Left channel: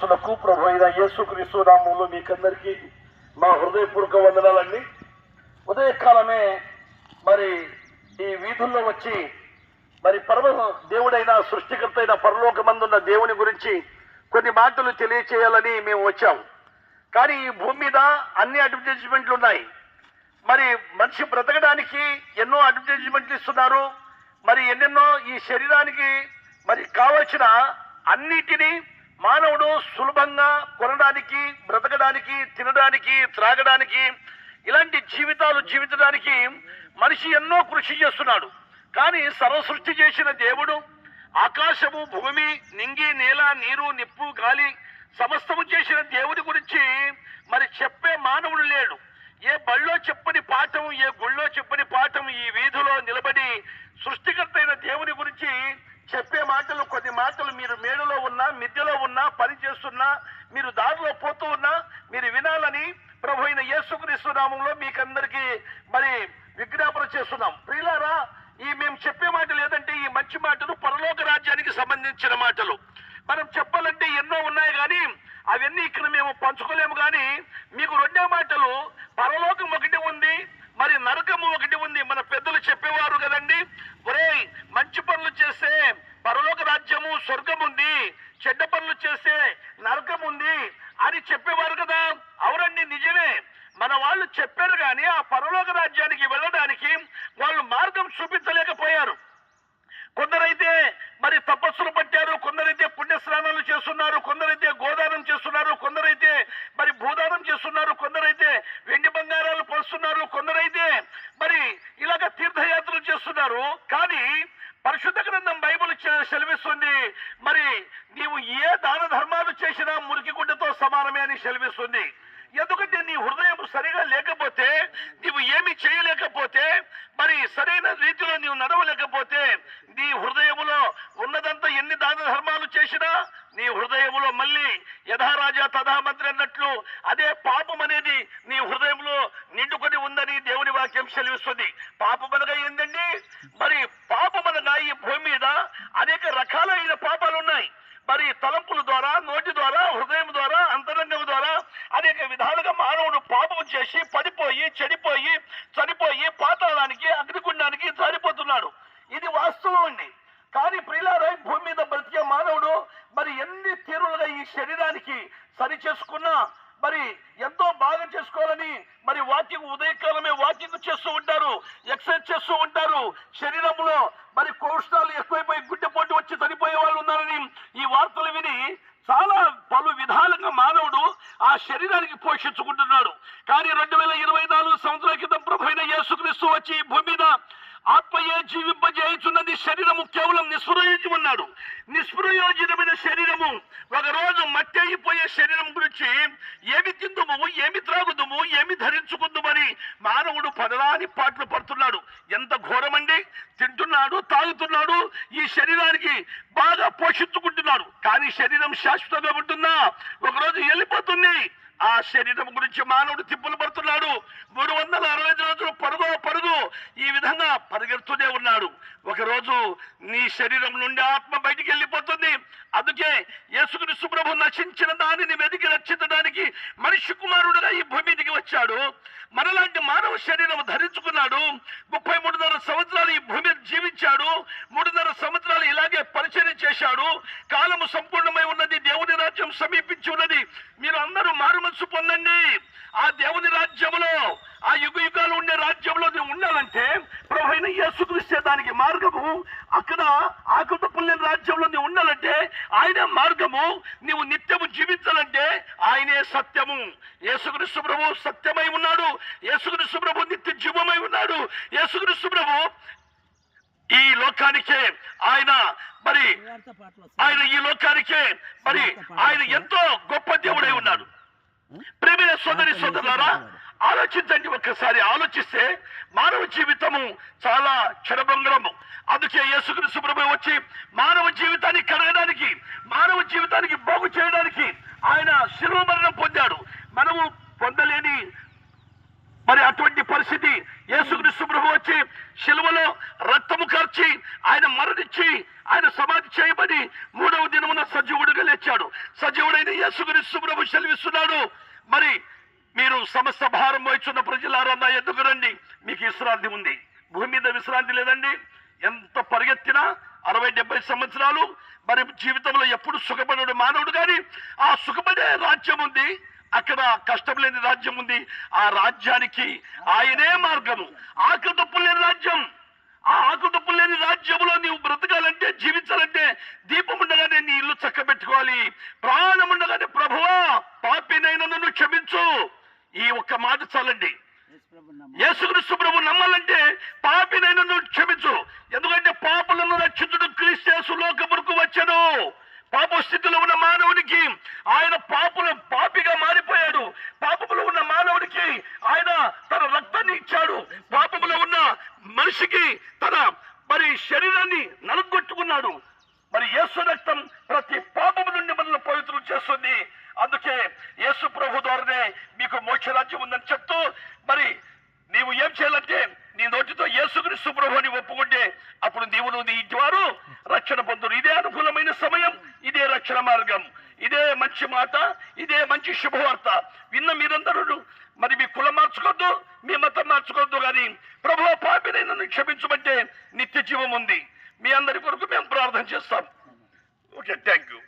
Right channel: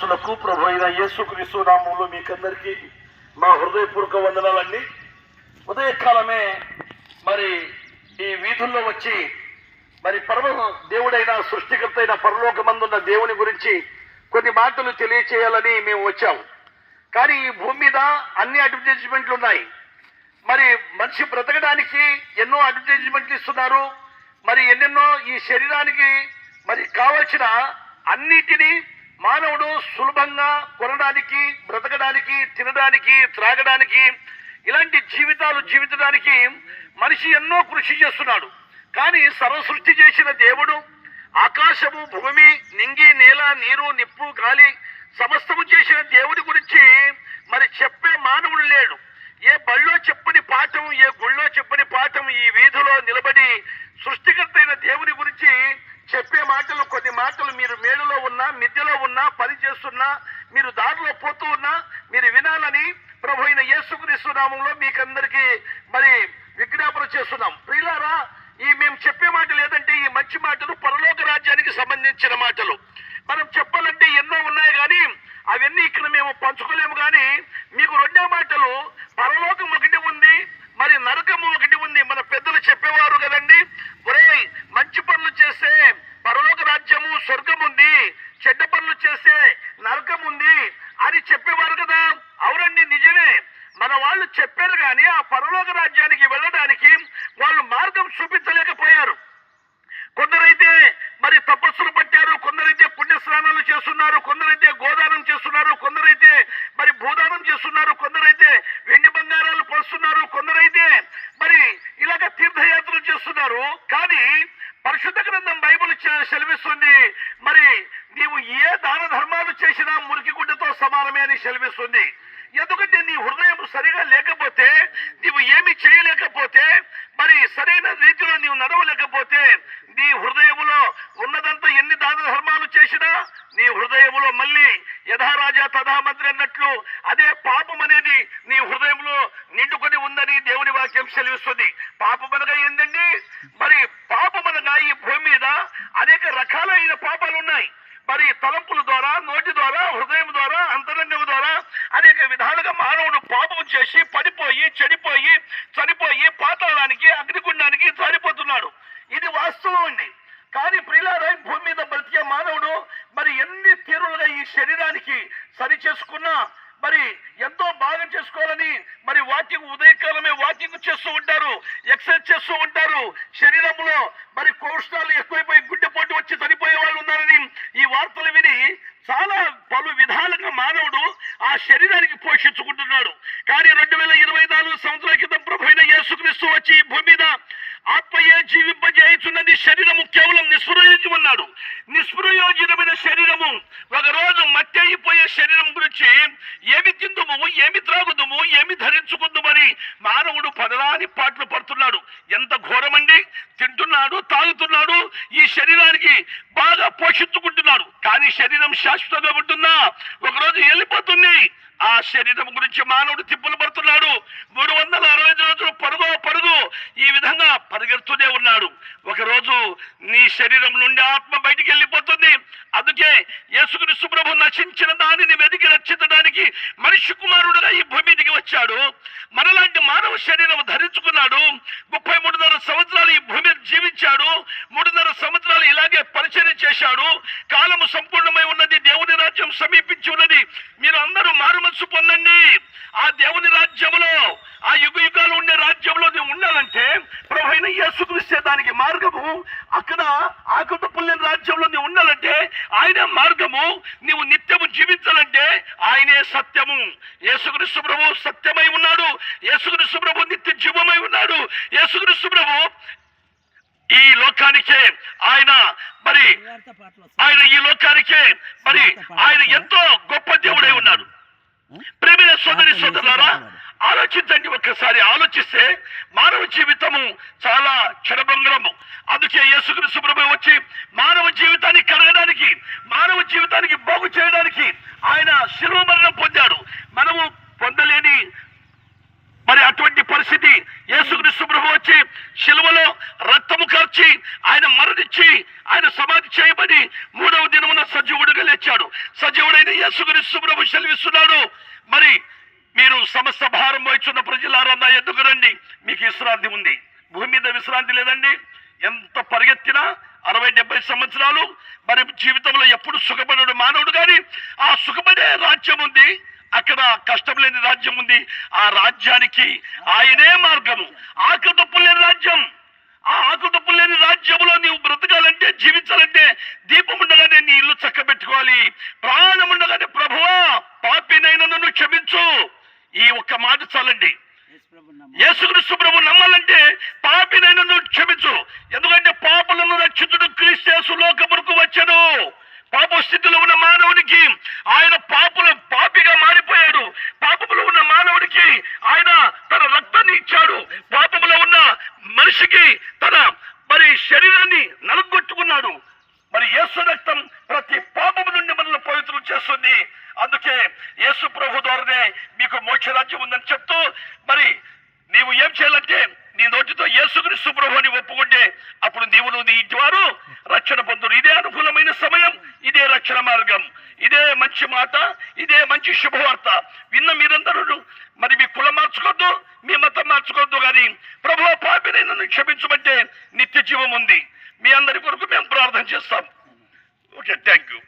లకు ప్రభు అయిన యేసుక్రీస్తు నామంలో మీకందరికీ మా హృదయపూర్వక వందనాలండి ఉదయకాలమే మరి ఈ వీధుల్లో వచ్చి మరి పరమ దేవుడైన సృష్టికర్త అయిన పరలోకమందున్న దేవుని గురించి కొన్ని మాటలు తెలియచేయాలని మేము వచ్చాం. కానీ ఈ భూమి మీద అన్ని అడ్వర్టైజ్మెంట్లు ఉన్నాయి. మరి మనిషి బ్రతకడానికి ఎన్నో అడ్వర్టైజ్మెంట్లు ఇస్తున్నారు. మరి ఎన్నెన్నో ఈ శరీరానికి మరి కావలసిన అన్నిటినీ మానవుడు సులభంగా కొనడానికి బ్రతకడానికి తినడానికి త్రాగడానికి ఇలాంటి జీవితాలు జీవించడానికి మనిషి ఎన్నో కృషి చేస్తున్నాడు. కానీ సర్వసృష్టి చేసిన దేవుడు ఆకాశము భూమి నింగి నేల నీరు నిప్పు గాలి సమస్తము చేసిన దేవుడి గురించి మరి చెప్పే మానవుడు లేడు. ఏ బళ్ళో చెప్పని పాఠం ఏ గుళ్ళో చెప్పని పాఠం ఈ వీధిలో నిలబడి సృష్టికర్త అయిన దేవుని చెప్పే మాటలు కొన్ని మాటలు మీరు మేడలో ఉన్నా మిద్దెలో ఉన్నా పని చేస్తున్నా మీరు దారిలో పోతూ ఉన్నా మీరు వినాలని ప్రభు అయిన యేసుక్రీస్తు నామంలో మీకందరికీ మరి విజ్ఞాపన చేస్తున్నాం. ప్రియులారా ఈ మేము చెప్పే మాటలు ఏదంటే ఈ మంచి మాటలు పరలోక రాజ్యానికి సంబంధించిన మాటలు. మనం చెప్పాలంటే ఎన్నో ఉన్నాయి కానీ అవన్నీ ఇక్కడ మేము పంచుకోలేము కానీ మీకు రెండో మాటలు పరలోకం ఒకటి ఉంది మరి నరకము ఒకటి ఉంది. మన పెద్దలు చెప్పేవారు కదండి ఒరేయ్ మంచి పనులు చేస్తే పరలోక రాజ్యము స్వర్గం ఉంది చెడ్డ పనులు చేస్తే నరకం ఉంది అని చెప్పేవారు కదా అవునండి నిజమే మన వాళ్ళు చెప్పారు కానీ ఆ పరలోక రాజ్యానికి వెళ్ళడానికి వాళ్ళు మార్గం చూపించలేకపోయారు కొందరైతే మరి తపస్సులు పట్టారు కొందరైతే పుణ్య చేస్తున్నారు కొందరైతే గోదానం చేస్తున్నారు కొందరైతే మరి భూదానం చేస్తున్నారు కొందరైతే వెండి బంగారాలు పరుస్తున్నారు కొందరైతే మరి ఇలాగ తీర్థయాత్రలు చేస్తున్నారు. కానీ పరిశుద్ధ గ్రంథం బైబిల్ సెలవిస్తుంది మరి నీవు ఏ దాన ధర్మాలు చేసినా మురికి గుడ్డతో సమానమే అని సెలవిస్తుంది. ఎందుకంటే నీ హృదయం సరిగా లేకపోతే నీవు ఏమి చేయలేకపోతే మరి సరైన రీతిలో నీవు నడవలేకపోతే నీ హృదయములో ఉన్నదంతా ఎన్ని దాన ధర్మాలు చేసినా నీ హృదయములో మళ్ళీ యథారాజా తథా మంత్రి అన్నట్లు అదే పాపం అనేది నీ హృదయంలో నిండుకొని ఉందని దేవుని వాక్యం సెలవిస్తుంది. పాపం అనగా ఏందండి? మరి పాపం అనగా ఈ భూమి మీద జారిపోతున్నాడు ఇది వాస్తవం అండి. కానీ ప్రిలారాయ్ భూమి మీద బ్రతికే మానవుడు మరి ఎన్ని తీరులుగా ఈ శరీరానికి సరి చేసుకున్నా మరి ఎంతో బాగా చేసుకోవాలని మరి వాకింగ్ ఉదయకాలమే వాకింగ్ చేస్తూ ఉంటారు ఎక్సర్సైజ్ చేస్తూ ఉంటారు. శరీరంలో మరి కోష్టాలు ఎక్కువైపోయి గుడ్డెపోటు వచ్చి చనిపోయే వాళ్ళు ఉన్నారని ఈ వార్తలు విని చాలా పలు విధాలుగా మానవుడు ఆ శరీరానికి పోషించుకుంటున్నాడు. కానీ రెండు వేల ఇరవై నాలుగు సంవత్సరాల క్రితం ప్రభుత్వ యేసుక్రీస్తు వచ్చి ఈ భూమి మీద ఆత్మయే జీవింపజేయుచున్నది శరీరము కేవలం నిస్ప్రయోజనం ఉన్నాడు శరీరము ఒక రోజు మట్టి అయిపోయే శరీరం గురించి ఏమి తిందుము ఏమి త్రాగుదుము ఏమి ధరించుకుందుమని మానవుడు పదరాని పాటలు పడుతున్నాడు. ఎంత ఘోరమండి? తింటున్నాడు తాగుతున్నాడు ఈ శరీరానికి బాగా పోషించుకుంటున్నాడు. కానీ శరీరం శాశ్వతంగా ఉంటుందా? ఒకరోజు వెళ్ళిపోతుంది. ఆ శరీరం గురించి మానవుడు తిప్పులు పడుతున్నాడు. మూడు వందల అరవై ఐదు రోజులు పరుగు పరుగు ఈ విధంగా పరిగెడుతూనే ఉన్నాడు. ఒకరోజు నీ శరీరం నుండి ఆత్మ బయటికి వెళ్ళిపోతుంది. అందుకే యేసుక్రీస్తు ప్రభు నశించిన దానిని వెతికి రక్షించడానికి మనిషి కుమారుడుగా ఈ భూమి మీదకి వచ్చాడు. మనలాంటి మానవ శరీరం ధరించుకున్నాడు. ముప్పై మూడున్నర సంవత్సరాలు ఈ భూమి మీద జీవించాడు మూడున్నర సంవత్సరాలు ఇలాగే పరిచయం చేశాడు కాలము సంపూర్ణమై ఉన్నది దేవుని రాజ్యం సమీపించి ఉన్నది మీరు అందరూ మారు మనసు పొందండి ఆ దేవుని రాజ్యములో ఆ యుగ యుగాలు ఉండే రాజ్యంలో నువ్వు ఉండాలంటే ప్రభు అయిన యేసుక్రీస్తే దానికి మార్గము అక్కడ ఆకుత పుల్లిన రాజ్యంలో నువ్వు ఉండాలంటే ఆయన మార్గము నీవు నిత్యము జీవించాలంటే ఆయనే సత్యము. యేసుక్రీస్తు ప్రభు సత్యమై ఉన్నాడు యేసుక్రీస్తు ప్రభు నిత్య జీవమై ఉన్నాడు యేసుక్రీస్తు ప్రభు ఈ లోకానికే ఆయన మరి ఆయన ఈ లోకానికే మరి ఆయన ఎంతో గొప్ప దేవుడై ఉన్నాడు. ప్రేమైన సోదరి సోదరులారా ఆలోచించండి ఒక్కసారి ఆలోచిస్తే మానవ జీవితము చాలా క్షణభంగరము. అందుకే యేసుక్రీస్తు ప్రభు వచ్చి మానవ జీవితాన్ని కడగడానికి మానవ జీవితానికి బాగు చేయడానికి ఆయన శిలువ మరణం పొందాడు మనము పొందలేని మరి అటువంటి పరిస్థితి పరిస్థితి యేసుక్రీస్తు ప్రభు వచ్చి శిలువలో రక్తము కార్చి ఆయన మరణించి ఆయన సమాధి చేయబడి మూడవ దినమున సజీవుడిగా లేచాడు. సజీవుడైన యేసుక్రీస్తు ప్రభు సెలవిస్తున్నాడు. మరి మీరు సమస్త భారం వహించున్న ప్రజలారా నా ఎద్దుకు రండి. మీకు విశ్రాంతి ఉంది. భూమి మీద విశ్రాంతి లేదండి. ఎంత పరిగెత్తినా అరవై డెబ్బై సంవత్సరాలు మరి జీవితంలో ఎప్పుడు సుఖపడడు మానవుడు కానీ ఆ సుఖపడే రాజ్యం ఉంది. అక్కడ కష్టం లేని రాజ్యం ఉంది. ఆ రాజ్యానికి ఆయనే మార్గము. ఆకలి లేని రాజ్యం. ఆ ఆకలి తప్పు లేని రాజ్యంలో నీవు బ్రతకాలంటే జీవించాలంటే దీపం ఉండగానే నీ ఇల్లు చక్కబెట్టుకోవాలి. ప్రాణం ఉండగానే ప్రభువా పాపినైనా నన్ను క్షమించు. ఈ ఒక్క మాట చాలండి. యేసుక్రీస్తు ప్రభు నమ్మాలంటే పాపినైనా నువ్వు క్షమించు. ఎందుకంటే పాపులను రక్షించుడు క్రీస్తు లోకమునకు వచ్చాడు. పాప స్థితిలో ఉన్న మానవునికి ఆయన పాపుల మరి శరీరాన్ని నలుగొట్టుకున్నాడు. మరి యేసు రక్తం ప్రతి పాపము నుండి మనల్ని పవిత్రం చేస్తుంది. అందుకే యేసు ప్రభు ద్వారానే మీకు మోక్షరాజ్యం ఉందని చెప్తూ మరి నీవు ఏం చేయాలంటే నీ నోటితో యేసుక్రీస్తు ప్రభు అని ఒప్పుకుంటే అప్పుడు నీవు నువ్వు నీ ఇంటి వారు రక్షణ పొందురు. ఇదే అనుకూలమైన సమయం ఇదే రక్షణ మార్గం. ఇదే మంచి మాట ఇదే మంచి శుభవార్త. విన్న మీరందరూ మరి మీ కులం మార్చుకోద్దు మార్చుకోవద్దు కానీ ప్రభు పాపిని నన్ను క్షమించమంటే నిత్య జీవం ఉంది. మీ అందరి కొరకు మేము ప్రార్థన చేస్తాం. Okay thank you